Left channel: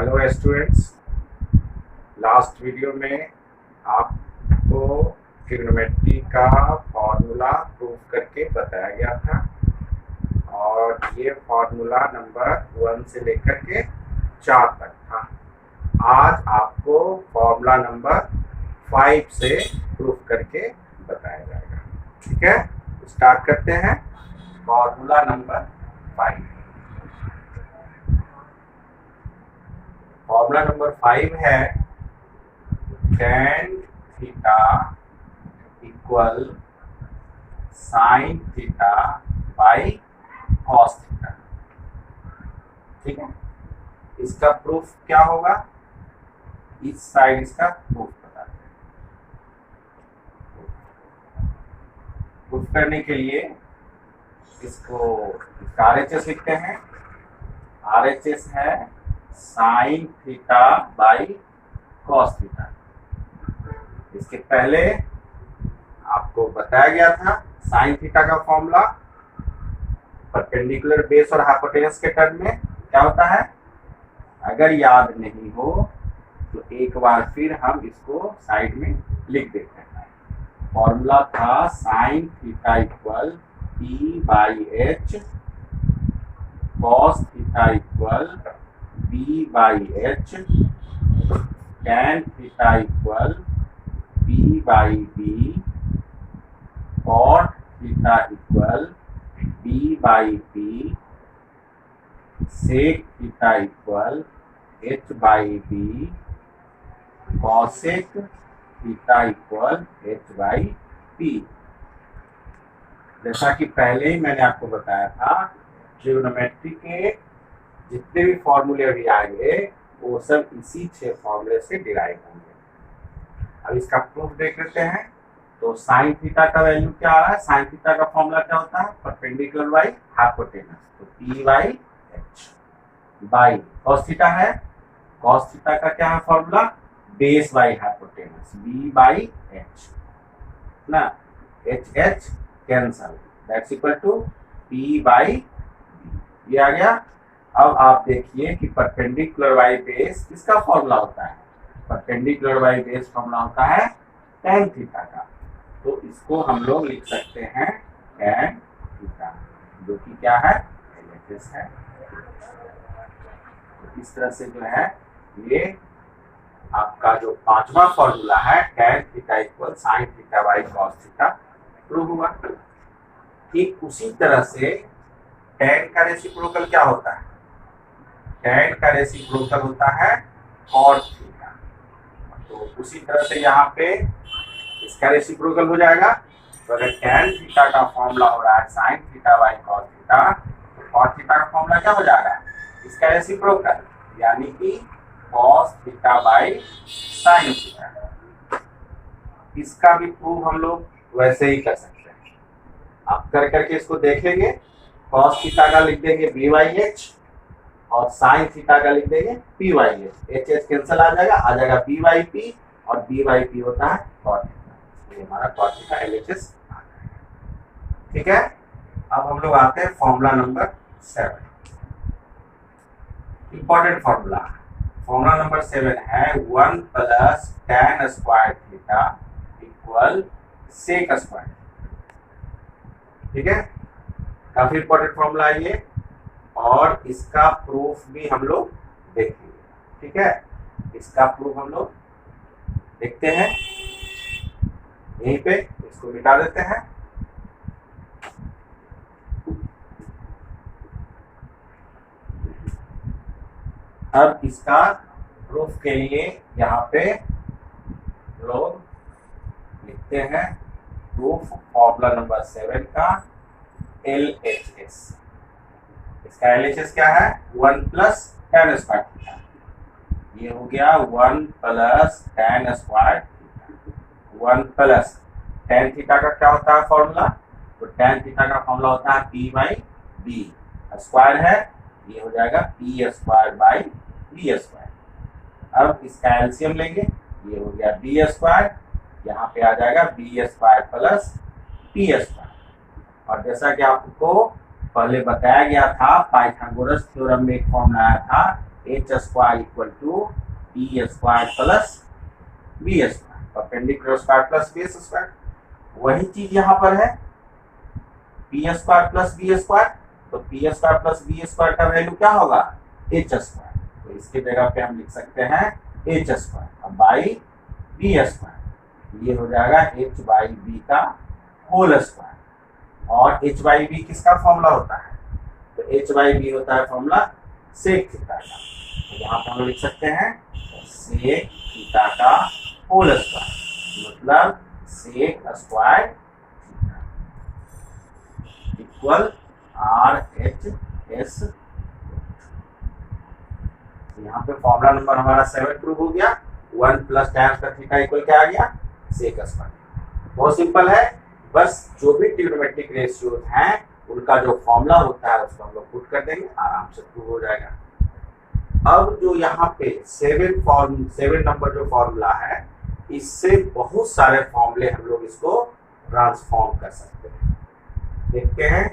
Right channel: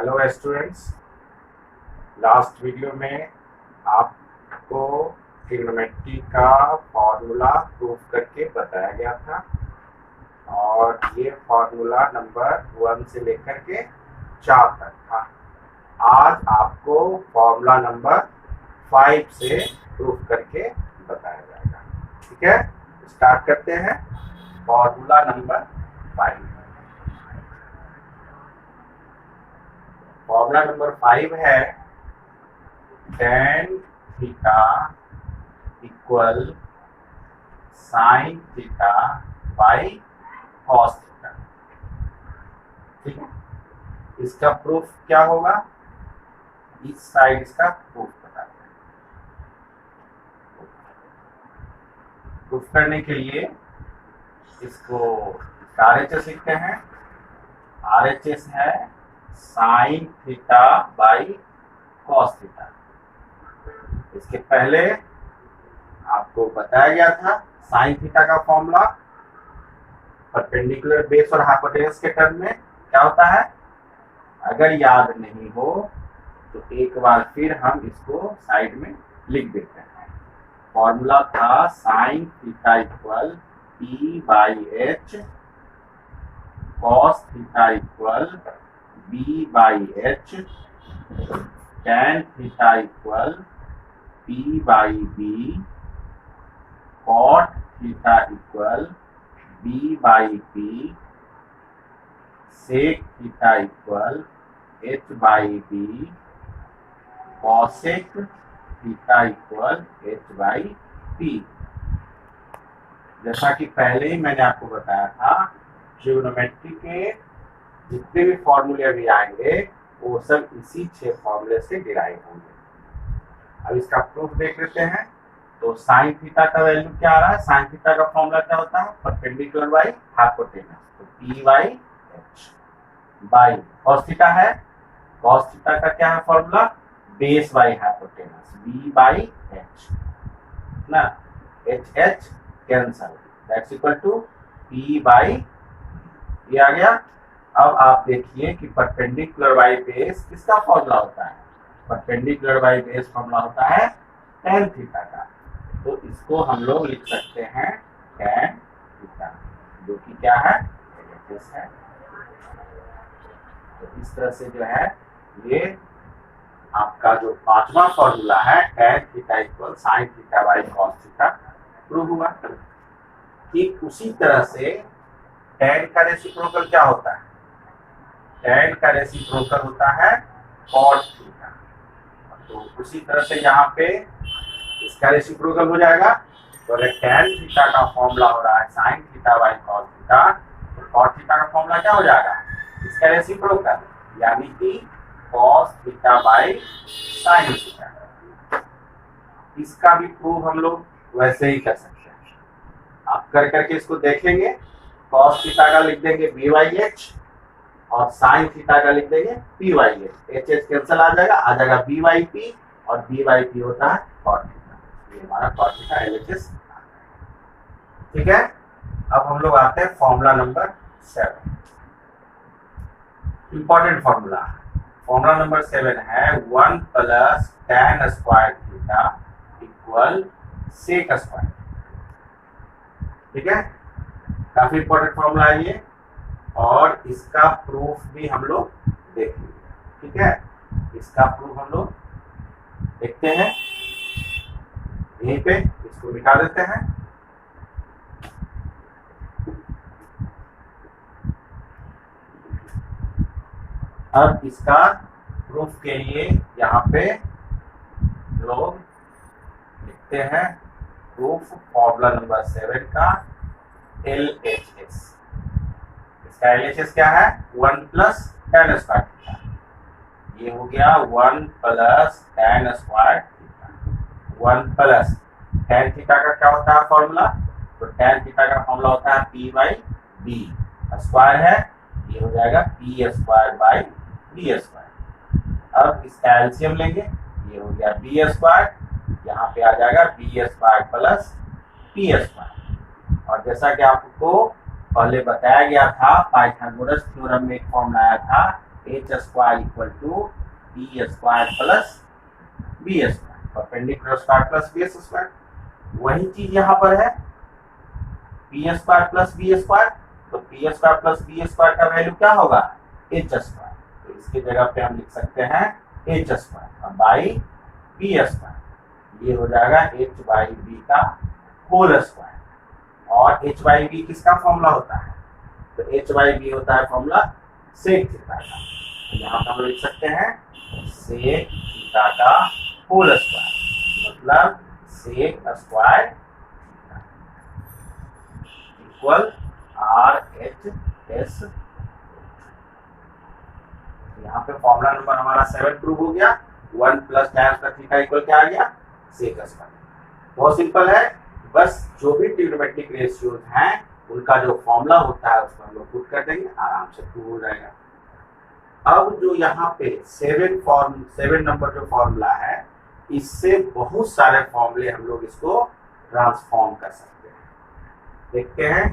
Hello students, last video में आपको trigonometry का फॉर्मूला प्रूफ करके बताया गया था और ये फॉर्मूला नंबर 1 से लेकर के 4 तक था। आज आपको फॉर्मूला नंबर 5 से प्रूफ करके बताया जाएगा। ठीक है, स्टार्ट करते हैं। Formula number 5। फॉर्मूला नंबर 5 है tan theta equal sine theta by cos theta. ठीक है, इसका प्रूफ क्या होगा, इस साइड इसका प्रूफ बताते हैं। प्रूफ करने के लिए इसको RHS लिखते हैं। RHS है sine theta by cos theta. इसके पहले आपको बताया गया था साइन थीटा का फॉर्मूला परपेंडिकुलर बेस और हाइपोटेनस के टर्म में क्या होता है। अगर याद नहीं हो तो एक बार फिर हम इसको साइड में लिख देते हैं। फॉर्मूला था sine theta equal P by H, cos theta equal B by H, tan theta equal P by B, cot theta equal B by P, sec theta equal H by B, cosec theta equal H by P। जैसा कि पहले ही मैंने आपको बताया था, trigonometry के जितने भी फॉर्मूले अभी आएंगे वो सब इसी 6 फॉर्मूले से डिराइव होंगे। अब इसका प्रूफ देख लेते हैं। तो साइन थीटा का वैल्यू क्या आ रहा है। साइन थीटा का फॉर्मूला क्या होता है, परपेंडिकुलर बाई हाइपोटेनस, तो P by H by cos theta है। कॉस थीटा का क्या है formula, base by hypotenuse, B by H ना, H cancel, that's equal to P by ये आ गया। अब आप देखिए कि परपेंडिकुलर बाई बेस किसका फॉर्मूला होता है। परपेंडिकुलर बाई बेस फॉर्मूला होता है tan थीटा का। तो इसको हम लोग लिख सकते हैं tan थीटा, जो कि क्या है, LHS है। तो इस तरह से जो है ये आपका जो 5वां फॉर्मूला है tan theta equal sine theta by cos theta prove हुआ। ठीक उसी तरह से tan का रेसिप्रोकल क्या होता है, tan का रेसिप्रोकल होता है cot थीटा। तो उसी तरह से यहाँ पे इसका रेसिप्रोकल हो जाएगा। तो अगर tan थीटा का फॉर्मूला हो रहा है sine theta by cos theta, तो cot थीटा का फॉर्मूला क्या हो जाएगा, इसका रेसिप्रोकल, यानी कि cos theta by sine theta. इसका भी प्रूफ हम लोग वैसे ही कर सकते हैं। आप कर करके इसको देख लेंगे। cos थीटा का लिख देंगे B बाई H और साइन थीटा का लिख देंगे P by H। H cancel आ जाएगा B बाई P, और B बाई P होता है cot थीटा। ये हमारा cot थीटा LHS आ जाएगा। ठीक है, अब हम लोग आते हैं formula number 7। Important formula. Formula number 7 है 1 plus tan square theta equal sec square. ठीक है, काफी इंपॉर्टेंट फॉर्मूला है ये, और इसका प्रूफ भी हम लोग देखेंगे। ठीक है, इसका प्रूफ हम लोग देखते हैं यहीं पे। इसको मिटा देते हैं। अब इसका प्रूफ के लिए यहाँ पे लोग लिखते हैं प्रूफ फॉर्मूला नंबर 7 का LHS। इसका LHS क्या है, 1 प्लस tan स्क्वायर थीटा। ये हो गया 1 plus tan square theta. 1 plus tan theta का क्या होता है फॉर्मूला, तो tan थीटा का फॉर्मूला होता है P बाई B। स्क्वायर है, ये हो जाएगा P square by B square. अब इसका एलसीएम लेंगे, ये हो गया B स्क्वायर, यहाँ पे आ जाएगा B square plus P square. और जैसा कि आपको पहले बताया गया था, पाइथागोरस थ्योरम में एक फॉर्मूला आया था H square equal to B square plus B square, perpendicular square plus base square. वही चीज यहाँ पर है, P square plus B square, तो P square plus B square का वैल्यू क्या होगा, एच स्क्वायर। तो इसके जगह पे हम लिख सकते हैं H square by B square, ये हो जाएगा एच बाई बी का होल स्क्वायर। और एच बाई बी किसका फॉर्मूला होता है, तो एच बाई बी होता है फॉर्मूला सेक थीटा का। तो यहाँ पे हम लिख सकते हैं सेक थीटा का होल स्क्वायर, मतलब sec square equal R H S. यहाँ पे फॉर्मूला नंबर हमारा 7 प्रूव हो गया। 1 plus tan square theta equal क्या आ गया, सेक स्क्वायर। बहुत सिंपल है, बस जो भी ट्रिग्नोमेट्रिक रेशियोज हैं उनका जो फॉर्मूला होता है उसको हम लोग पुट कर देंगे, आराम से प्रूव हो जाएगा। अब जो यहाँ पे 7 नंबर जो फॉर्मूला है, इससे बहुत सारे फॉर्मूले हम लोग इसको ट्रांसफॉर्म कर सकते हैं। देखते हैं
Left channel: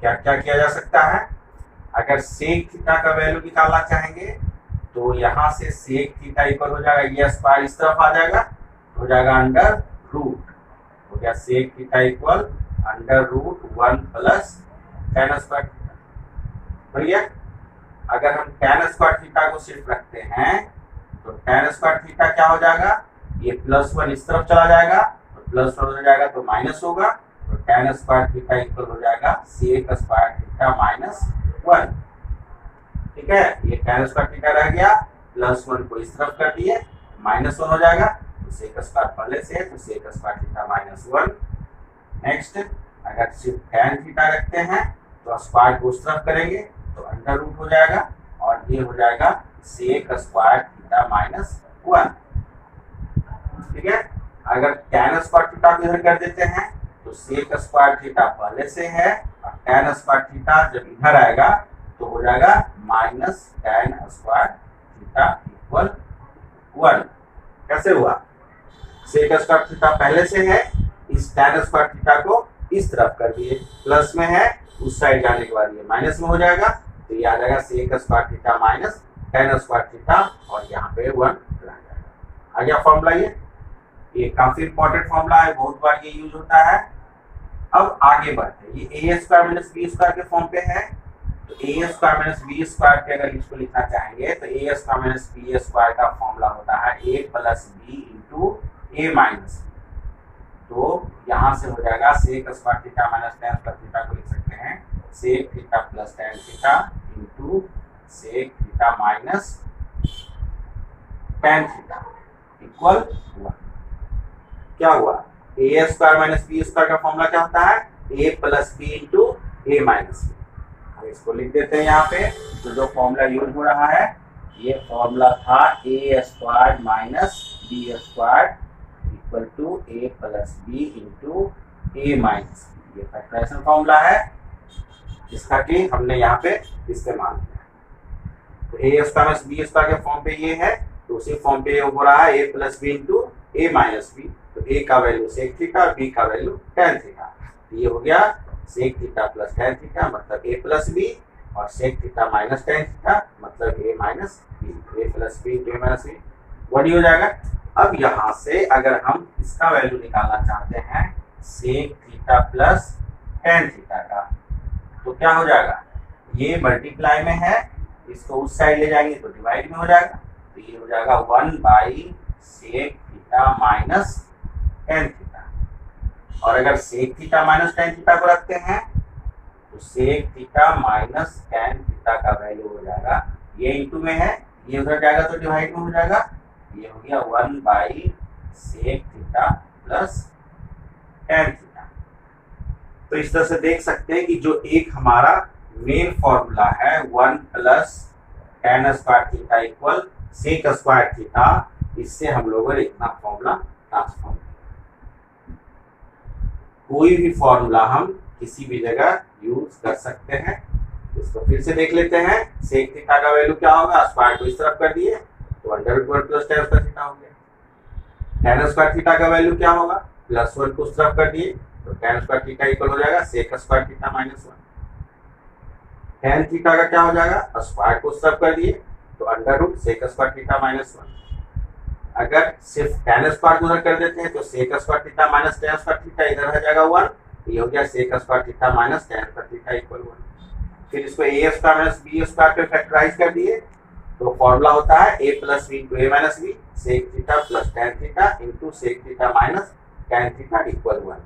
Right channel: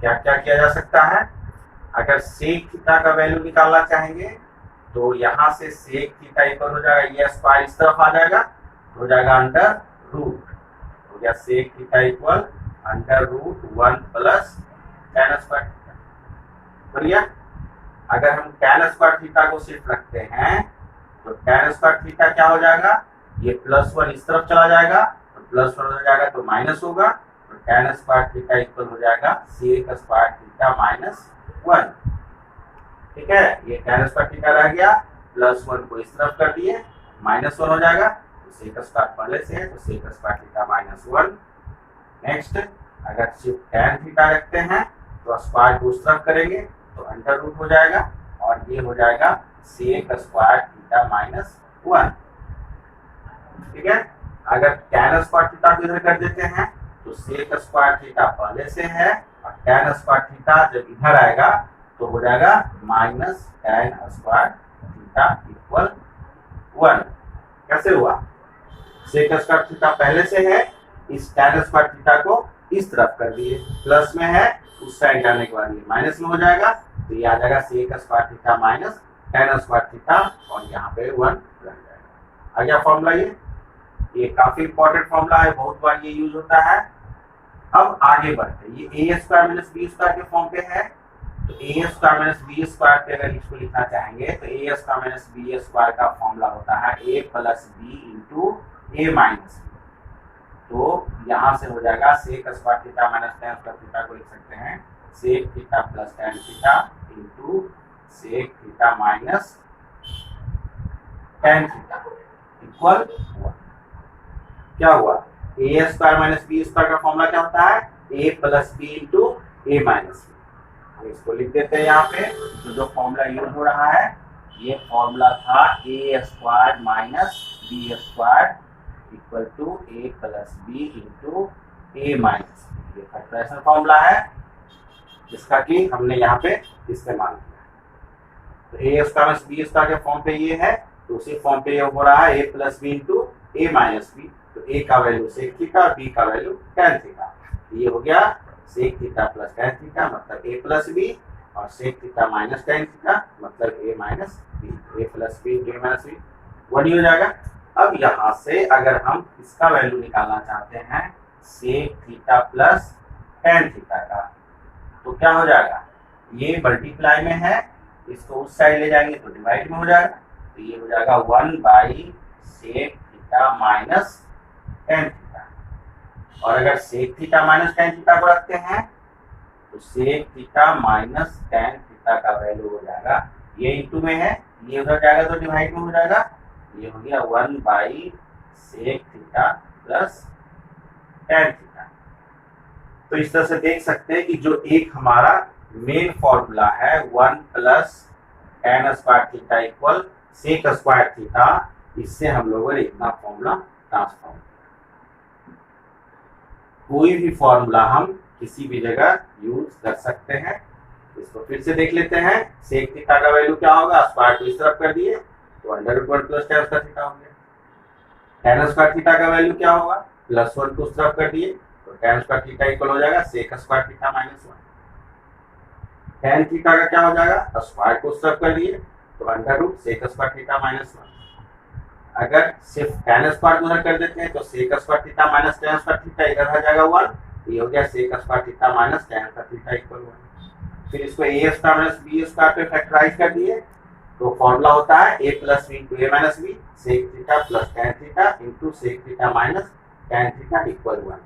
क्या क्या किया जा सकता है। अगर सेक थीटा का वैल्यू निकालना चाहेंगे तो यहाँ से सेक थीटा इक्वल हो जाएगा, ये स्क्वायर इस तरफ आ जाएगा, हो जाएगा अंडर रूट, हो गया sec theta equal under root 1 plus tan square theta. बढ़िया। अगर हम tan स्क्वायर थीटा को सिर्फ रखते हैं तो tan स्क्वायर थीटा क्या हो जाएगा, ये +1 इस तरफ चला जाएगा, तो +1 हो जाएगा तो माइनस होगा, तो tan स्क्वायर थीटा इक्वल हो जाएगा सेक स्क्वायर थीटा -1। ठीक है, ये tan स्क्वायर थीटा रह गया, +1 को इस तरफ कर दिए, -1 हो जाएगा, तो सेक स्क्वायर पहले से है तो सेक स्क्वायर थीटा -1। नेक्स्ट, अगर सिर्फ tan थीटा रखते हैं तो स्क्वायर को उस तरफ करेंगे तो अंडर रूट हो जाएगा, और ये हो जाएगा सेक स्क्वायर थीटा -1। ठीक है, अगर tan स्क्वायर थीटा को इधर कर देते हैं तो सेक स्क्वायर थीटा पहले से है, और tan स्क्वायर थीटा जब इधर आएगा तो हो जाएगा -tan स्क्वायर थीटा इक्वल 1। कैसे हुआ, सेक स्क्वायर थीटा पहले से है, इस tan स्क्वायर थीटा को इस तरफ कर दिए, प्लस में है, उस साइड जाने के बाद ये माइनस में हो जाएगा, तो ये आ जाएगा sec square theta minus tan square theta, और यहाँ पे 1 रह जाएगा। आ गया फॉर्मूला। ये काफी इंपॉर्टेंट फॉर्मूला है, बहुत बार ये यूज होता है। अब आगे बढ़ते हैं, ये a square minus B square के फॉर्म पे है, तो a square minus B square पे अगर इसको लिखना चाहेंगे तो a square minus B square का फॉर्मूला होता है a plus B into a minus B. तो यहाँ से हो जाएगा sec square theta minus tan square theta को लिख सकते हैं sec theta plus tan theta into sec theta minus tan theta equal 1। क्या हुआ, ए स्क्वायर माइनस बी स्क्वायर का फॉर्मूला क्या होता है, A plus B into A minus B. इसको लिख देते हैं यहाँ पे, तो जो फॉर्मूला यूज हो रहा है ये फॉर्मूला था A square minus B square equal to A plus B into A minus B. ये फैक्टराइजेशन फॉर्मूला है जिसका कि हमने यहाँ पे इस्तेमाल किया है। तो ए स्क्वायर माइनस बी स्क्वायर के फॉर्म पे ये है, तो उसी फॉर्म पे ये हो रहा है A plus B into A minus B. तो ए का वैल्यू सेक थीटा और बी का वैल्यू tan थीटा। तो ये हो गया sec theta plus tan theta मतलब ए प्लस बी, और sec theta minus tan theta मतलब A minus B. A plus B into A minus B 1 हो जाएगा। अब यहाँ से अगर हम इसका वैल्यू निकालना चाहते हैं sec theta plus tan theta का, तो क्या हो जाएगा, ये मल्टीप्लाई में है, इसको उस साइड ले जाएंगे तो डिवाइड में हो जाएगा, तो ये हो जाएगा 1 by sec theta minus tan theta. और अगर sec theta minus tan theta को रखते हैं तो sec theta minus tan theta का वैल्यू हो जाएगा, ये इंटू में है, ये उधर जाएगा तो डिवाइड में हो जाएगा, ये हो गया 1 by sec theta plus tan theta. तो इस तरह से देख सकते हैं कि जो एक हमारा मेन फॉर्मूला है 1 plus tan square theta equal sec square theta, इससे हम लोगों ने इतना फॉर्मूला ट्रांसफॉर्म किया। कोई भी फॉर्मूला हम किसी भी जगह यूज कर सकते हैं। इसको फिर से देख लेते हैं, सेक थीटा का वैल्यू क्या होगा, स्क्वायर को इस तरफ कर दिए तो under root 1 plus tan square theta हो गया। tan स्क्वायर थीटा का वैल्यू क्या होगा, +1 को उस तरफ कर दिए तो tan स्क्वायर थीटा इक्वल हो जाएगा sec square theta -1। tan theta का क्या हो जाएगा, स्क्वायर को उस तरफ कर दिए तो under root sec square theta minus 1। अगर सिर्फ tan स्क्वायर उधर कर देते हैं तो sec square theta minus tan square theta इधर आ जाएगा 1, ये हो गया sec square theta minus tan square theta equal 1। फिर इसको a square minus b square पे फैक्टराइज कर दिए तो फॉर्मूला होता है a plus B into A minus B sec theta plus tan theta into sec theta minus tan theta equal 1।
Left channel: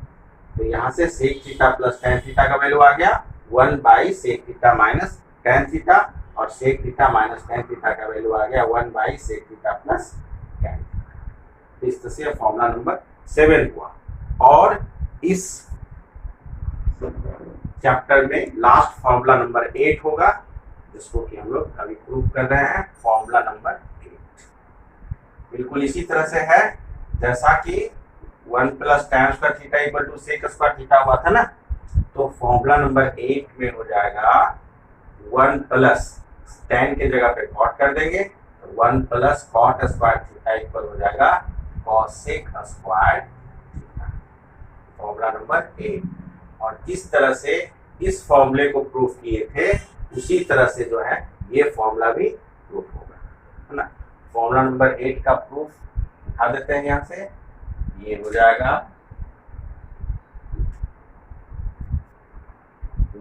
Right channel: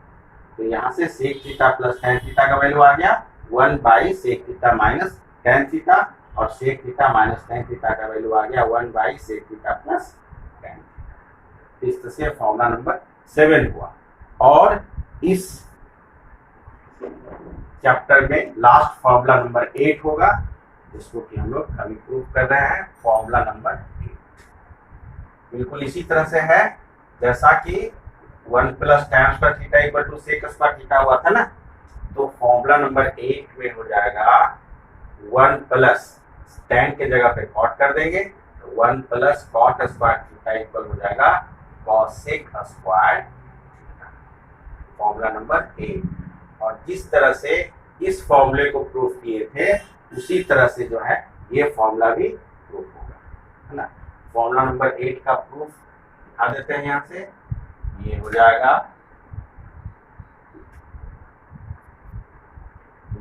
तो यहाँ से sec theta plus tan theta का वैल्यू आ गया 1 by sec theta minus tan theta, और sec theta minus tan theta का value आ गया 1 by sec theta plus tan theta. इस तरह से फॉर्मूला नंबर 7 हुआ। और इस चैप्टर में लास्ट फॉर्मूला नंबर 8 होगा, जिसको कि हम लोग अभी प्रूव कर रहे हैं, फॉर्मूला नंबर 8 बिल्कुल इसी तरह से है जैसा कि 1 plus tan square theta equal to sec square theta हुआ था ना। तो फॉर्मूला नंबर 8 में हो जाएगा 1 प्लस tan के जगह पे कॉट कर देंगे तो 1 plus cot square theta equal हो जाएगा cosec square theta, formula number 8। और जिस तरह से इस फॉर्मूले को प्रूफ किए थे उसी तरह से जो है ये फॉर्मूला भी प्रूफ होगा, है ना। फॉर्मूला नंबर 8 का प्रूफ दिखा देते हैं यहाँ से। ये हो जाएगा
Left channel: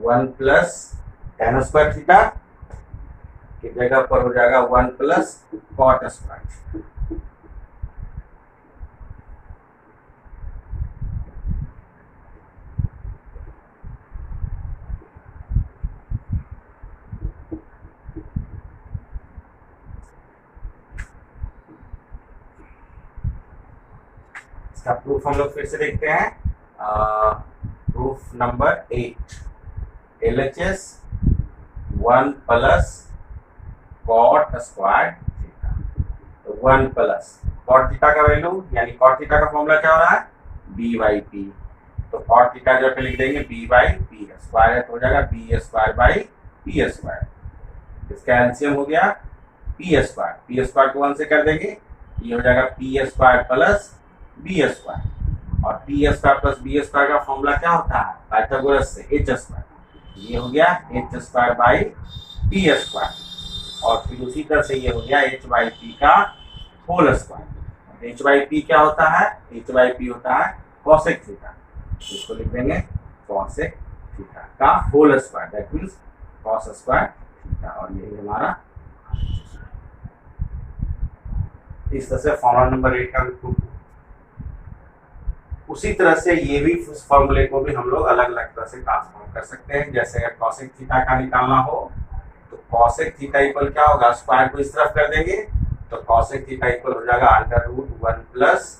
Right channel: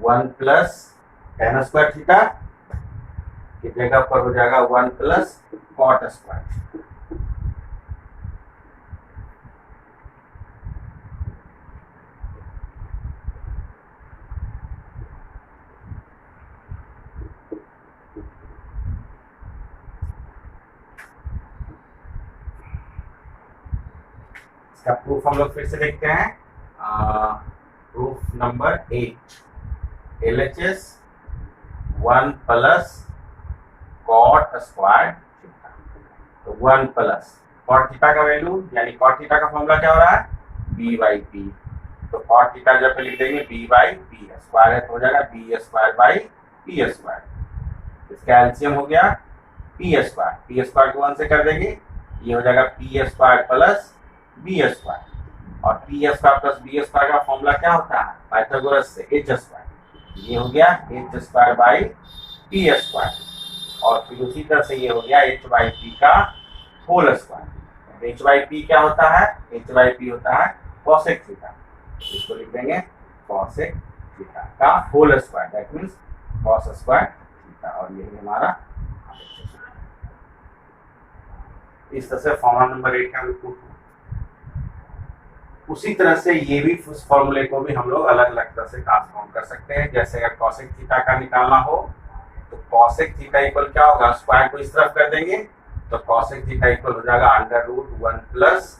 1 प्लस tan स्क्वायर थीटा की जगह पर हो जाएगा 1 प्लस कॉट स्क्वायर। इसका प्रूफ हम लोग फिर से देखते हैं। Proof number 8 LHS 1 plus cot square theta. तो 1 प्लस कॉट थीटा का वैल्यू यानी कॉट थीटा का फॉर्मूला क्या हो रहा है b बाई पी। तो कॉट थीटा जब लिख देंगे b बाई पी स्क्वायर है तो हो जाएगा b square by P square. इसका एलसीएम हो गया पी स्क्वायर को 1 से कर देंगे, ये हो जाएगा P square plus B square. और P square plus B square का फॉर्मूला क्या होता है पाइथागोरस से एच स्क्वायर। ये हो गया H square by P square. और फिर उसी तरह से ये हो गया एच बाई पी का whole square. H by P क्या होता है, एच बाई पी होता है कॉसेक थीटा, इसको लिख देंगे कॉसेक थीटा का whole square, that means cos square theta. और यही हमारा इस तरह से फॉर्मूला नंबर 8 का भी। उसी तरह से ये भी उस फॉर्मूले को भी हम लोग अलग अलग तरह से ट्रांसफॉर्म कर सकते हैं। जैसे अगर कॉसेक थीटा का निकालना हो तो कॉसेक थीटा इक्वल क्या होगा, स्क्वायर को इस तरफ कर देंगे तो कॉसेक थीटा इक्वल हो जाएगा under root 1 plus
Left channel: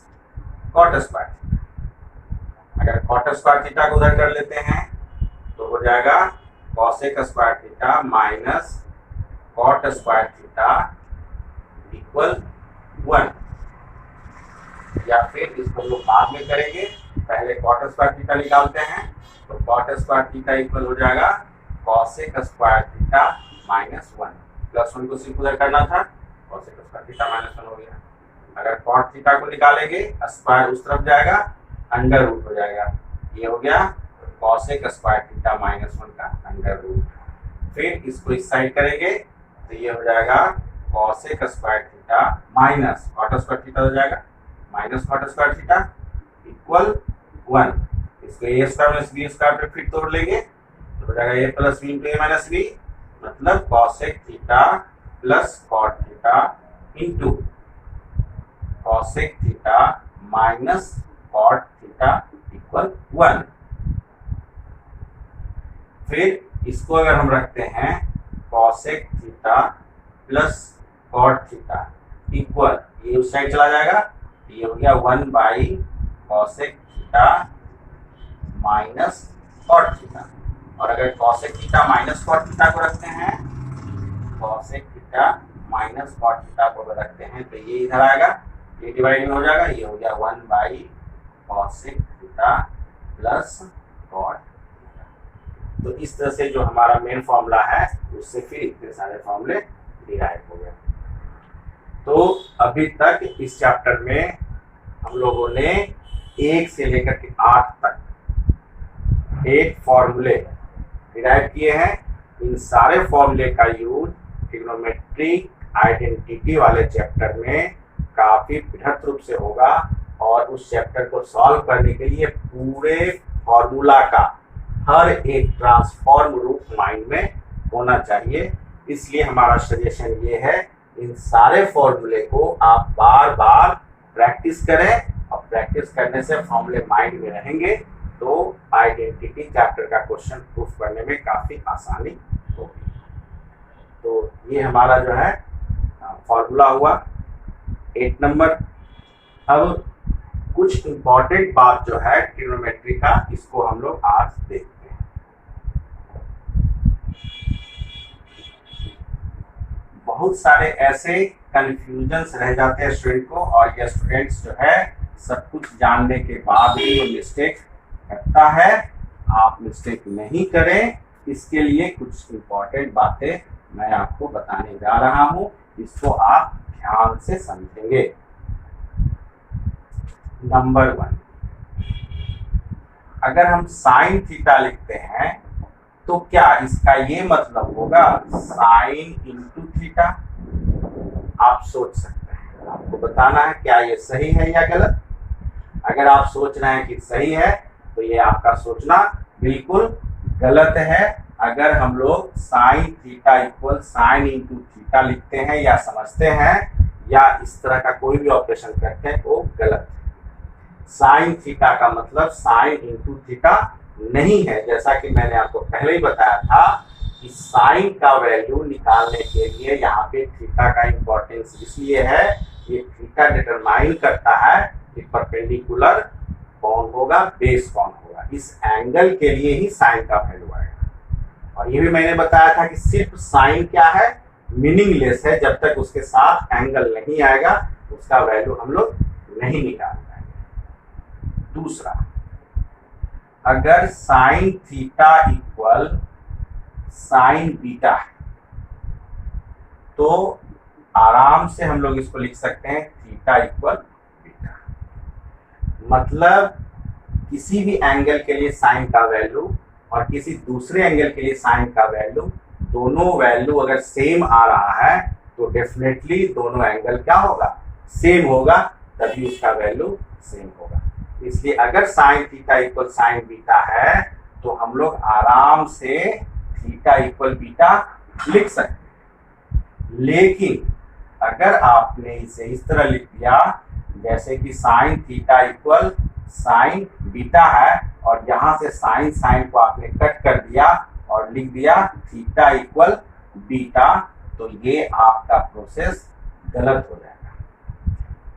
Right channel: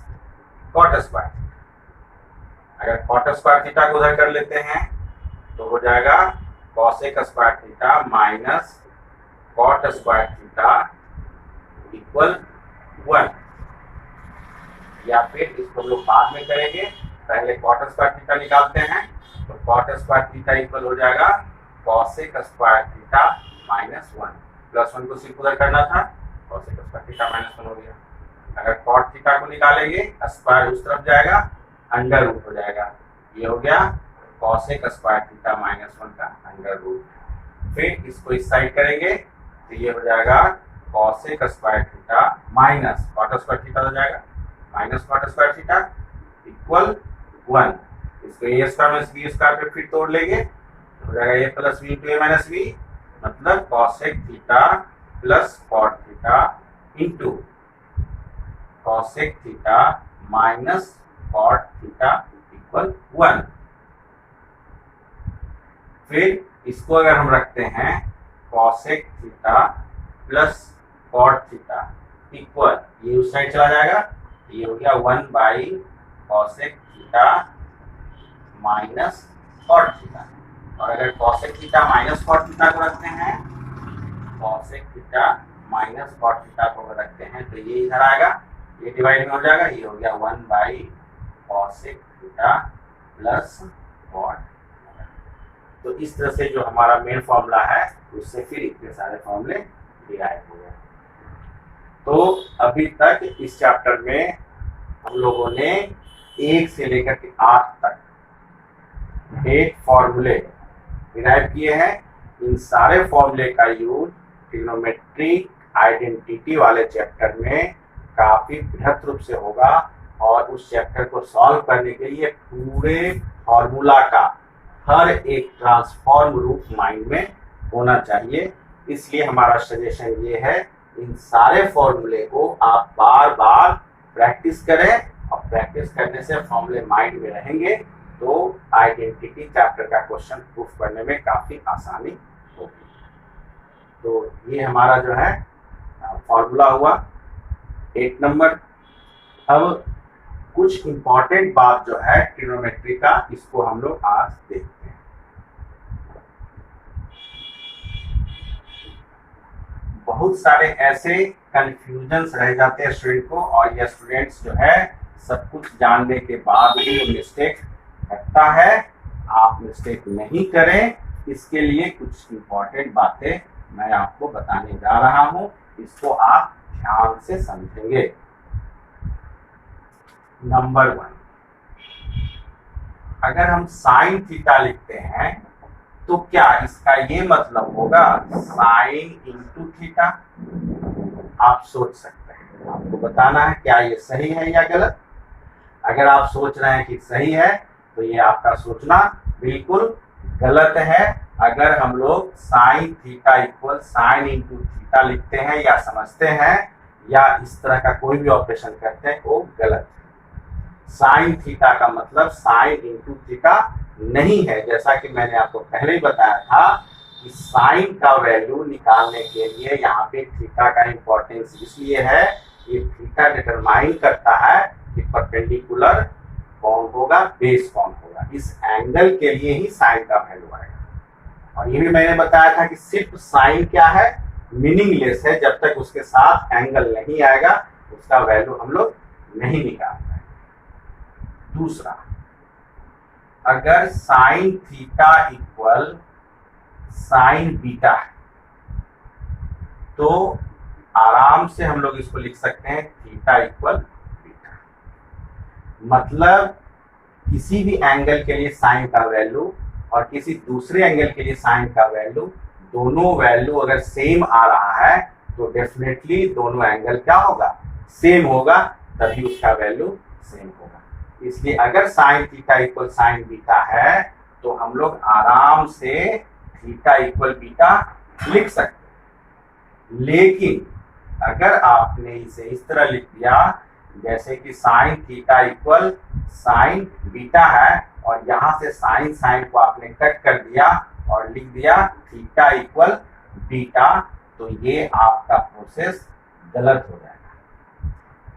cot square theta. अगर कॉट स्क्वायर थीटा को उधर कर लेते हैं तो हो जाएगा cosec square theta minus cot square theta equal 1। या फिर इसको हम लोग बाद में करेंगे, पहले कॉट स्क्वायर थीटा निकालते हैं तो कॉट स्क्वायर थीटा इक्वल हो जाएगा cosec square theta minus 1। Plus 1 को सिर्फ उधर करना था, कॉसेक स्क्वायर थीटा माइनस 1 हो गया। अगर कॉट थीटा को निकालेंगे स्क्वायर उस तरफ जाएगा, अंडर रूट हो जाएगा, ये हो गया कॉसेक स्क्वायर थीटा माइनस 1 का अंडर रूट। फिर इसको इस साइड करेंगे तो ये हो जाएगा cosec square theta minus cot square theta हो जाएगा minus cot square theta equal 1। इसको A square minus B square पे फिर तोड़ लेंगे तो हो जाएगा A plus B into A minus B, मतलब cosec theta plus cot theta into cosec theta minus cot theta equal 1। फिर इसको अगर हम रखते हैं cosec theta plus cot theta equal, ये उस साइड चला जाएगा, ये हो गया 1 by cosec theta minus cot theta. और अगर cosec theta minus cot theta को रखते हैं, cosec theta minus cot theta को रखते हैं तो ये इधर आएगा, ये डिवाइड में हो जाएगा, ये हो गया 1 by cosec theta plus cot. तो इस तरह से जो हमारा मेन फॉर्मूला है उससे फिर इतने सारे फॉर्मूले डिराइव हो गए। तो अभी तक इस चैप्टर में हम लोगों ने 1 से लेकर के 8 तक 8 फॉर्मूले डिराइव किए हैं। इन सारे फॉर्मूले का यूज ट्रिग्नोमेट्रिक आइडेंटिटी वाले चैप्टर में काफी बृहत रूप से होगा और उस चैप्टर को सॉल्व करने के लिए पूरे फॉर्मूला का हर एक ट्रांसफॉर्म रूप माइंड में होना चाहिए। इसलिए हमारा सजेशन ये है, इन सारे फॉर्मूले को आप बार बार प्रैक्टिस करें और प्रैक्टिस करने से फॉर्मूले माइंड में रहेंगे तो आइडेंटिटी चैप्टर का क्वेश्चन प्रूफ करने में काफी आसानी होगी। तो ये हमारा जो है फॉर्मूला हुआ 8 नंबर। अब कुछ इंपॉर्टेंट बात जो है ट्रिग्नोमेट्री का, इसको हम लोग आज देखते हैं। बहुत सारे ऐसे कंफ्यूजन्स रह जाते हैं स्टूडेंट को और ये स्टूडेंट्स जो है सब कुछ जानने के बाद भी वो मिस्टेक करता है। आप मिस्टेक नहीं करें, इसके लिए कुछ इंपॉर्टेंट बातें मैं आपको बताने जा रहा हूं, इसको आप ध्यान से समझेंगे। नंबर 1, अगर हम साइन थीटा लिखते हैं तो क्या इसका ये मतलब होगा साइन इंटू थीटा? आप सोच सकते हैं, आपको बताना है क्या ये सही है या गलत। अगर आप सोच रहे हैं कि सही है तो ये आपका सोचना बिल्कुल गलत है। अगर हम लोग sine theta equal sine into theta लिखते हैं या समझते हैं या इस तरह का कोई भी ऑपरेशन करते हैं वो गलत है। साइन थीटा का मतलब साइन इंटू थीटा नहीं है। जैसा कि मैंने आपको पहले ही बताया था कि साइन का वैल्यू निकालने के लिए यहाँ पे थीटा का इंपॉर्टेंस इसलिए है, ये थीटा डिटरमाइन करता है कि परपेंडिकुलर कौन होगा, बेस कौन होगा। इस एंगल के लिए ही साइन का वैल्यू आएगा। और ये भी मैंने बताया था कि सिर्फ साइन क्या है, मीनिंगलेस है। जब तक उसके साथ एंगल नहीं आएगा उसका वैल्यू हम लोग नहीं निकाल पाएंगे। दूसरा, अगर sine theta equal sign beta है तो आराम से हम लोग इसको लिख सकते हैं थीटा इक्वल बीटा। मतलब किसी भी एंगल के लिए साइन का वैल्यू और किसी दूसरे एंगल के लिए साइन का वैल्यू, दोनों वैल्यू अगर सेम आ रहा है तो डेफिनेटली दोनों एंगल क्या होगा, सेम होगा, तभी उसका वैल्यू सेम होगा। इसलिए अगर sine theta equal sign beta है तो हम लोग आराम से थीटा इक्वल बीटा लिख सकते हैं। लेकिन अगर आपने इसे इस तरह लिख दिया जैसे कि sine theta equal sign beta है और यहाँ से साइन साइन को आपने कट कर दिया और लिख दिया थीटा इक्वल बीटा, तो ये आपका प्रोसेस गलत हो जाएगा।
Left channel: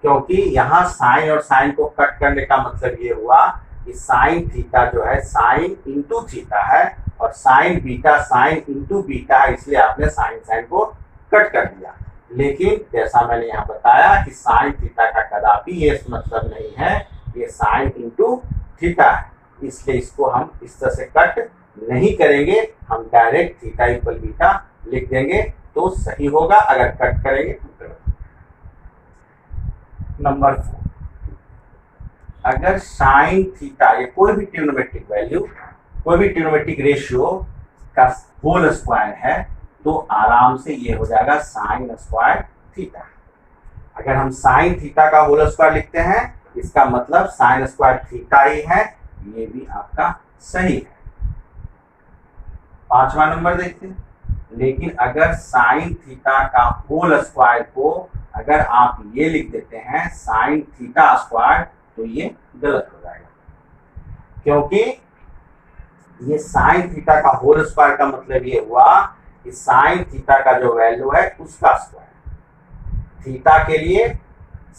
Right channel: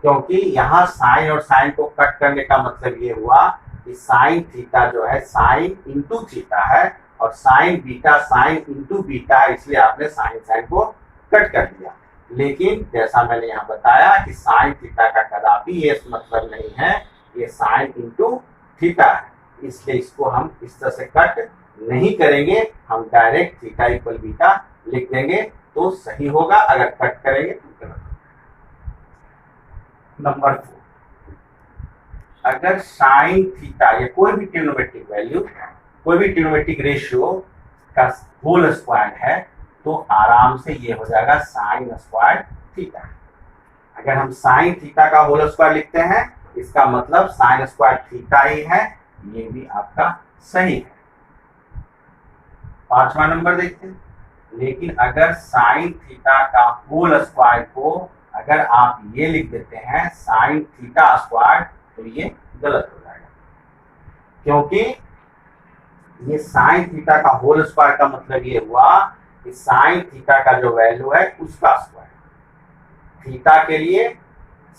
क्योंकि यहाँ साइन और साइन को कट करने का मतलब ये हुआ कि साइन थीटा जो है साइन इंटू थीटा है और sign beta sine into beta है, इसलिए आपने साइन साइन को कट कर दिया। लेकिन जैसा मैंने यहाँ बताया कि साइन थीटा का कदापि ये मतलब नहीं है, ये साइन इंटू थीटा है, इसलिए इसको हम इस तरह से कट नहीं करेंगे, हम डायरेक्ट थीटा इक्वल बीटा लिख देंगे तो सही होगा। अगर कट करेंगे तो गलत। नंबर 4, अगर साइन थीटा या कोई भी ट्रिग्नोमेट्रिक वैल्यू, कोई भी ट्रिग्नोमेट्रिक रेशियो का होल स्क्वायर है तो आराम से ये हो जाएगा साइन स्क्वायर थीटा। अगर हम साइन थीटा का होल स्क्वायर लिखते हैं इसका मतलब साइन स्क्वायर थीटा ही है, ये भी आपका सही है। 5वां नंबर देखते हैं। लेकिन अगर साइन थीटा का होल स्क्वायर को अगर आप ये लिख देते हैं साइन थीटा स्क्वायर तो ये गलत हो जाएगा, क्योंकि ये साइन थीटा का होल स्क्वायर का मतलब ये हुआ कि साइन थीटा का जो वैल्यू है उसका स्क्वायर, थीटा के लिए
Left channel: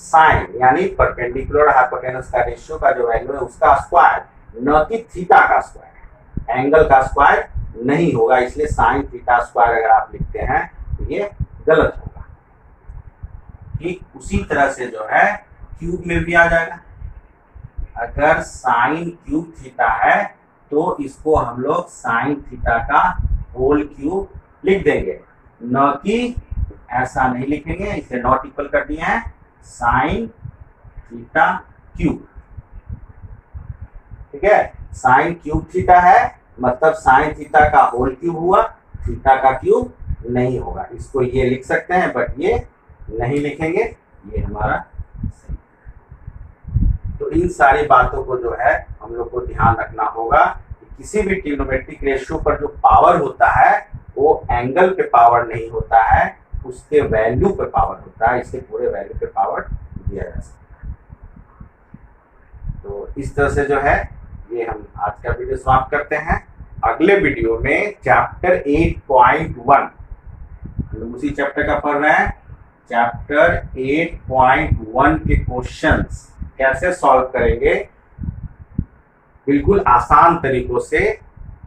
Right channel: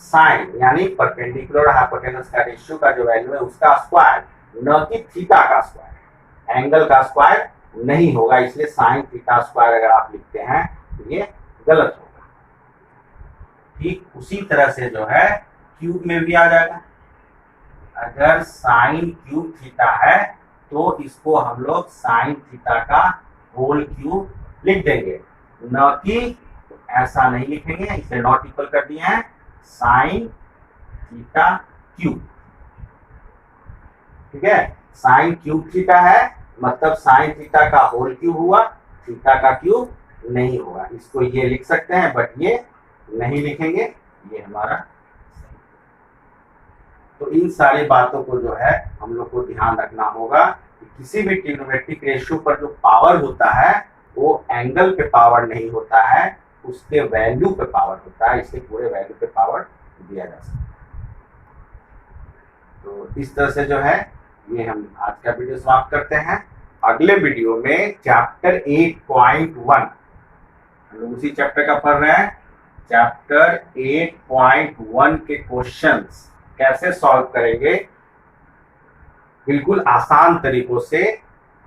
साइन यानी परपेंडिकुलर हाइपोटेनस का रेशियो का जो वैल्यू है उसका स्क्वायर, न कि थीटा का स्क्वायर। एंगल का स्क्वायर नहीं होगा, इसलिए साइन थीटा स्क्वायर अगर आप लिखते हैं तो ये गलत होगा। ठीक उसी तरह से जो है क्यूब में भी आ जाएगा। अगर साइन क्यूब थीटा है तो इसको हम लोग साइन थीटा का होल क्यूब लिख देंगे, न कि ऐसा नहीं लिखेंगे, इसे नॉट इक्वल कर दिए हैं साइन थीटा क्यूब। ठीक है, साइन क्यूब थीटा है मतलब साइन थीटा का होल क्यूब हुआ, थीटा का क्यूब नहीं होगा। इसको ये लिख सकते हैं बट ये नहीं लिखेंगे, ये हमारा सही। तो इन सारी बातों को जो है हम लोग को ध्यान रखना होगा कि किसी भी ट्रिग्नोमेट्रिक रेशियो पर जो पावर होता है वो एंगल पे पावर नहीं होता है, उसके वैल्यू पे पावर होता है। इसे पूरे वैल्यू पे पावर दिया जा सकता है। तो इस तरह से जो है ये हम आज का वीडियो समाप्त करते हैं। अगले वीडियो में चैप्टर 8.1 हम लोग उसी चैप्टर का पढ़ रहे हैं। चैप्टर 8.1 के क्वेश्चंस कैसे सॉल्व करेंगे बिल्कुल आसान तरीकों से,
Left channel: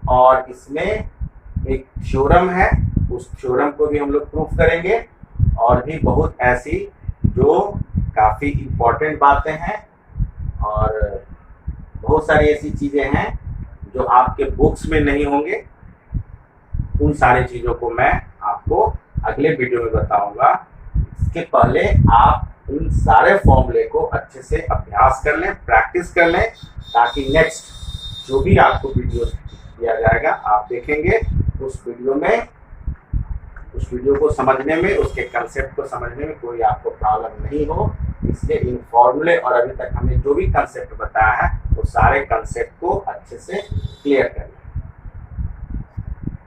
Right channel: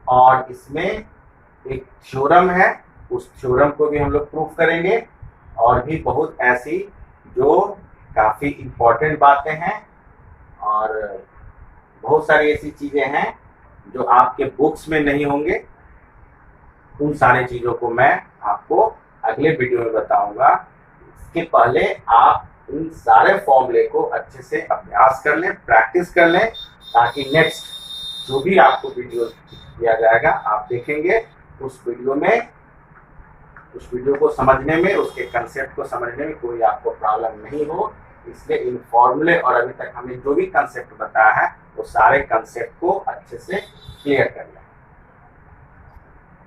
और इसमें एक थ्योरम है, उस थ्योरम को भी हम लोग प्रूफ करेंगे, और भी बहुत ऐसी जो काफ़ी इम्पोर्टेंट बातें हैं, और बहुत सारी ऐसी चीज़ें हैं जो आपके बुक्स में नहीं होंगे। उन सारी चीज़ों को मैं आपको अगले वीडियो में बताऊंगा। इसके पहले आप इन सारे फॉर्मूले को अच्छे से अभ्यास कर लें, प्रैक्टिस कर लें, ताकि नेक्स्ट जो भी आपको वीडियो दिया जाएगा आप देखेंगे उस वीडियो को समझने में, उसके कंसेप्ट को समझने में कोई आपको प्रॉब्लम नहीं हो। इसलिए इन फॉर्मूले और अभी तक हमने जो भी कंसेप्ट बताया है वो सारे कंसेप्ट को अच्छे से क्लियर कर लें।